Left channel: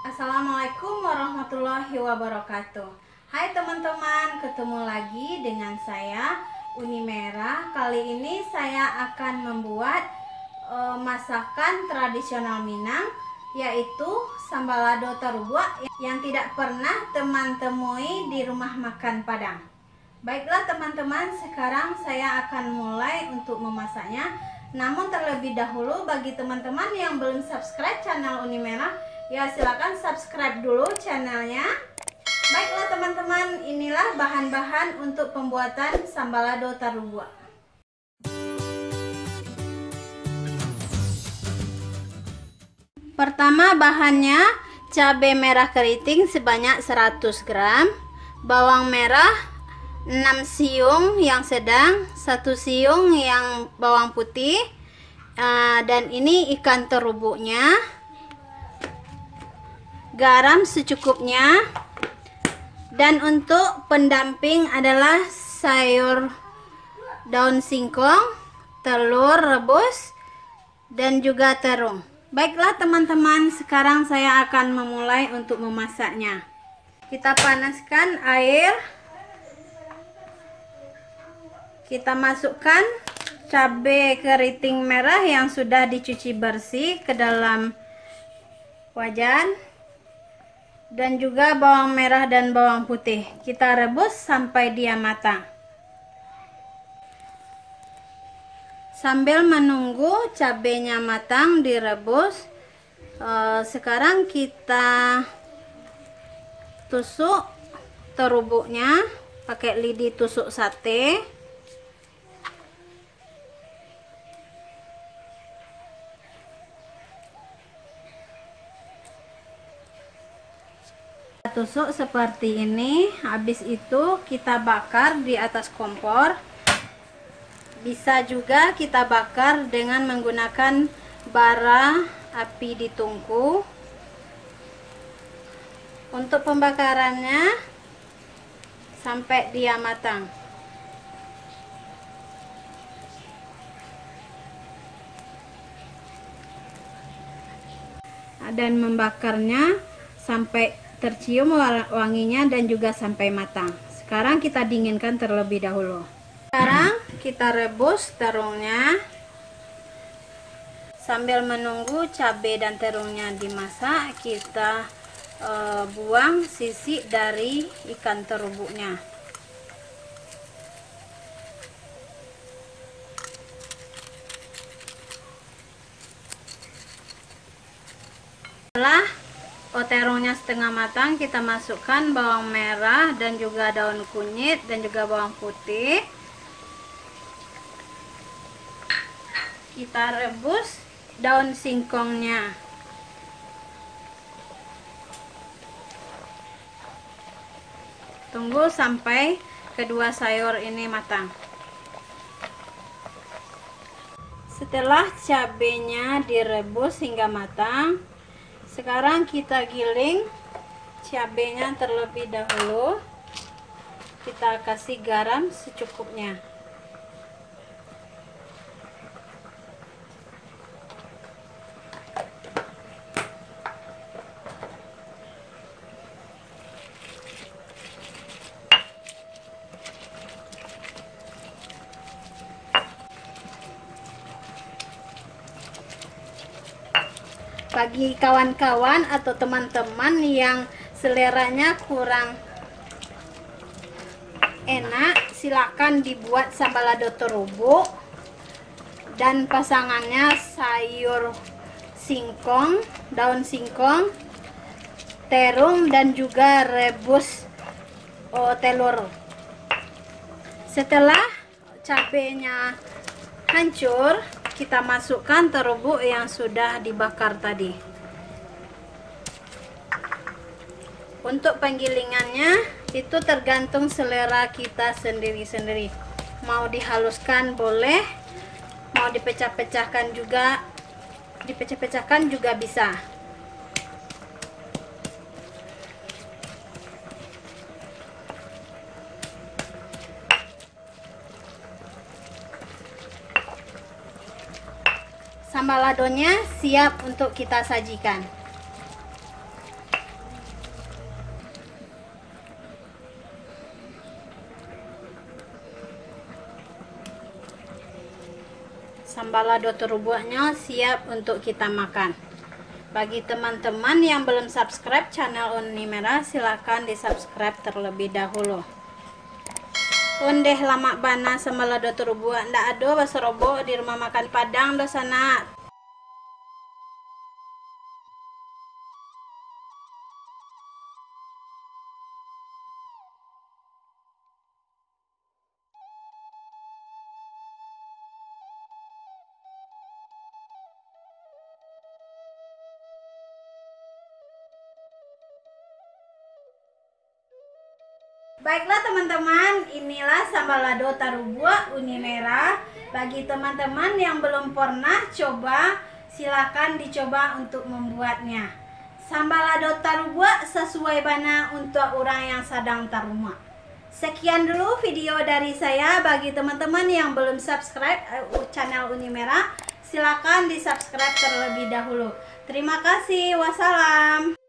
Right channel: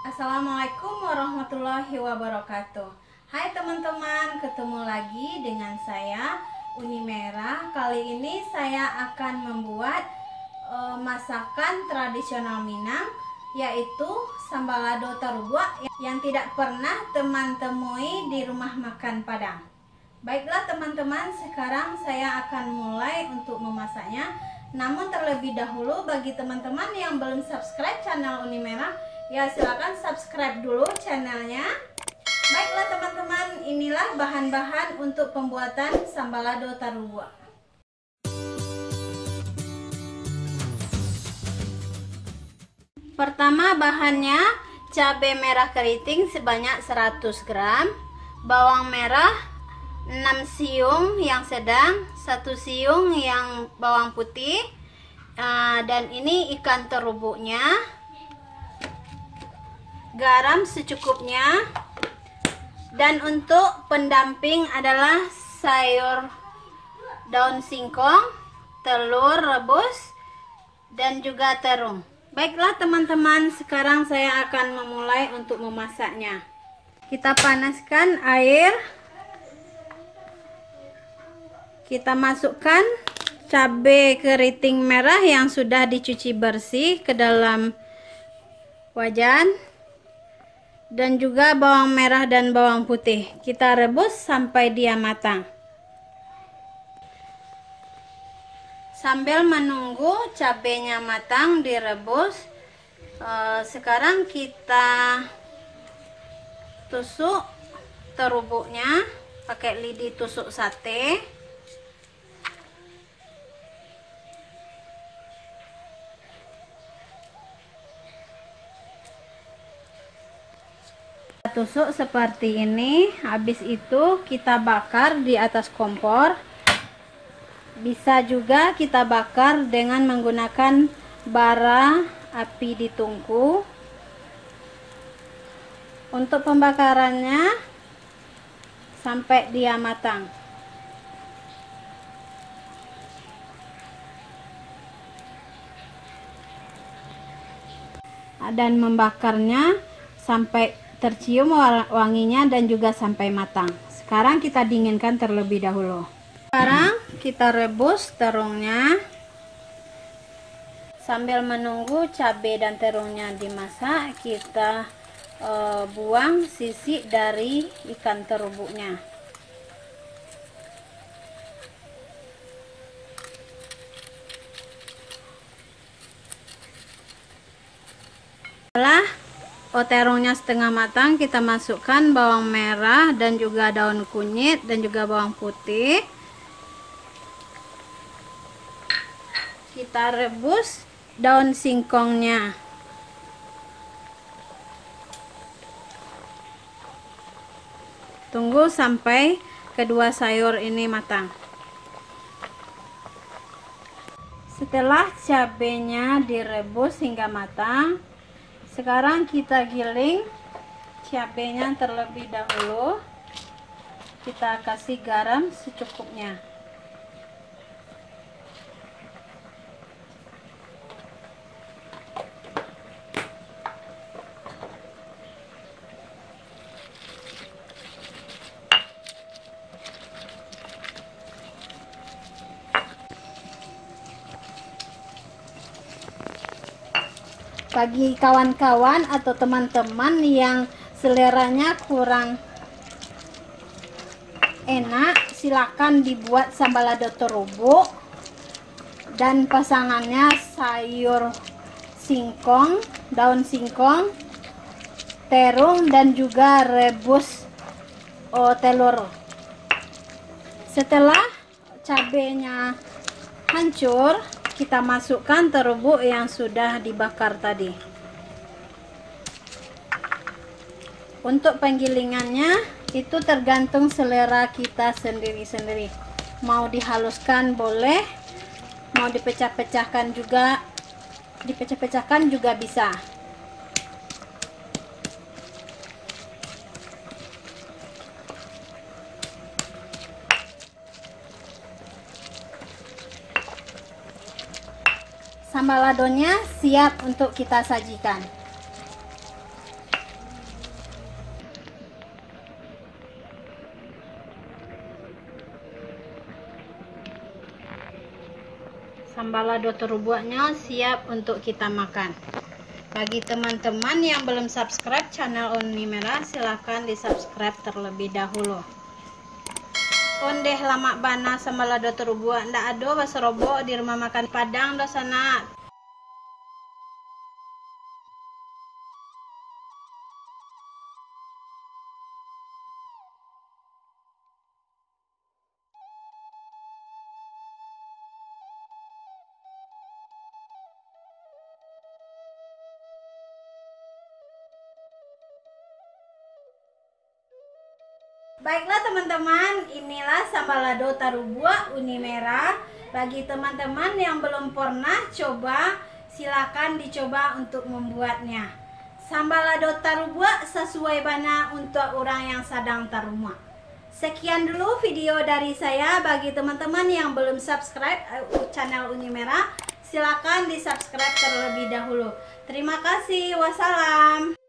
Assalamualaikum warahmatullahi wabarakatuh. Hai teman-teman, ketemu lagi dengan saya Uni Merah. Kali ini saya akan membuat masakan tradisional Minang, yaitu sambalado terubuk yang tidak pernah teman temui di rumah makan Padang. Baiklah teman-teman, sekarang saya akan mulai untuk memasaknya. Namun terlebih dahulu, bagi teman-teman yang belum subscribe channel Uni Merah, ya silakan subscribe dulu channelnya. Baiklah teman-teman, inilah bahan-bahan untuk pembuatan sambalado terubuk. Pertama bahannya cabai merah keriting sebanyak 100 gram, bawang merah 6 siung yang sedang, 1 siung yang bawang putih, dan ini ikan terubuknya, garam secukupnya, dan untuk pendamping adalah sayur daun singkong, telur rebus, dan juga terung. Baiklah teman-teman, sekarang saya akan memulai untuk memasaknya. Kita panaskan air, kita masukkan cabai keriting merah yang sudah dicuci bersih ke dalam wajan, dan juga bawang merah dan bawang putih. Kita rebus sampai dia matang. Sambil menunggu cabenya matang direbus, sekarang kita tusuk terubuknya pakai lidi tusuk sate. Tusuk seperti ini. Habis itu kita bakar di atas kompor. Bisa juga kita bakar dengan menggunakan bara api di tungku. Untuk pembakarannya sampai dia matang. Dan membakarnya sampai tercium wanginya dan juga sampai matang. Sekarang kita dinginkan terlebih dahulu. Sekarang kita rebus terungnya. Sambil menunggu cabai dan terungnya dimasak, kita buang sisi dari ikan terubuknya. Setelah terungnya setengah matang, kita masukkan bawang merah dan juga daun kunyit dan juga bawang putih. Kita rebus daun singkongnya. Tunggu sampai kedua sayur ini matang. Setelah cabenya direbus hingga matang, sekarang kita giling cabenya terlebih dahulu. Kita kasih garam secukupnya. Bagi kawan-kawan atau teman-teman yang seleranya kurang enak, silakan dibuat sambalado terubuk dan pasangannya sayur singkong, daun singkong, terung, dan juga rebus telur. Setelah cabenya hancur, kita masukkan terubuk yang sudah dibakar tadi. Untuk penggilingannya itu tergantung selera kita sendiri-sendiri. Mau dihaluskan boleh, mau dipecah-pecahkan juga bisa. Sambaladonya siap untuk kita sajikan. Sambalado terubuknya siap untuk kita makan. Bagi teman-teman yang belum subscribe channel Uni Merah, silakan di subscribe terlebih dahulu. Ondeh lama bana sambalado terubuk ndak ado baserobo di rumah makan Padang dosana. Baiklah teman-teman, inilah sambalado tarubua Uni Merah. Bagi teman-teman yang belum pernah coba, silakan dicoba untuk membuatnya. Sambalado tarubua sesuai bana untuk orang yang sedang taruma. Sekian dulu video dari saya. Bagi teman-teman yang belum subscribe channel Uni Merah, silakan di subscribe terlebih dahulu. Terima kasih, wassalam.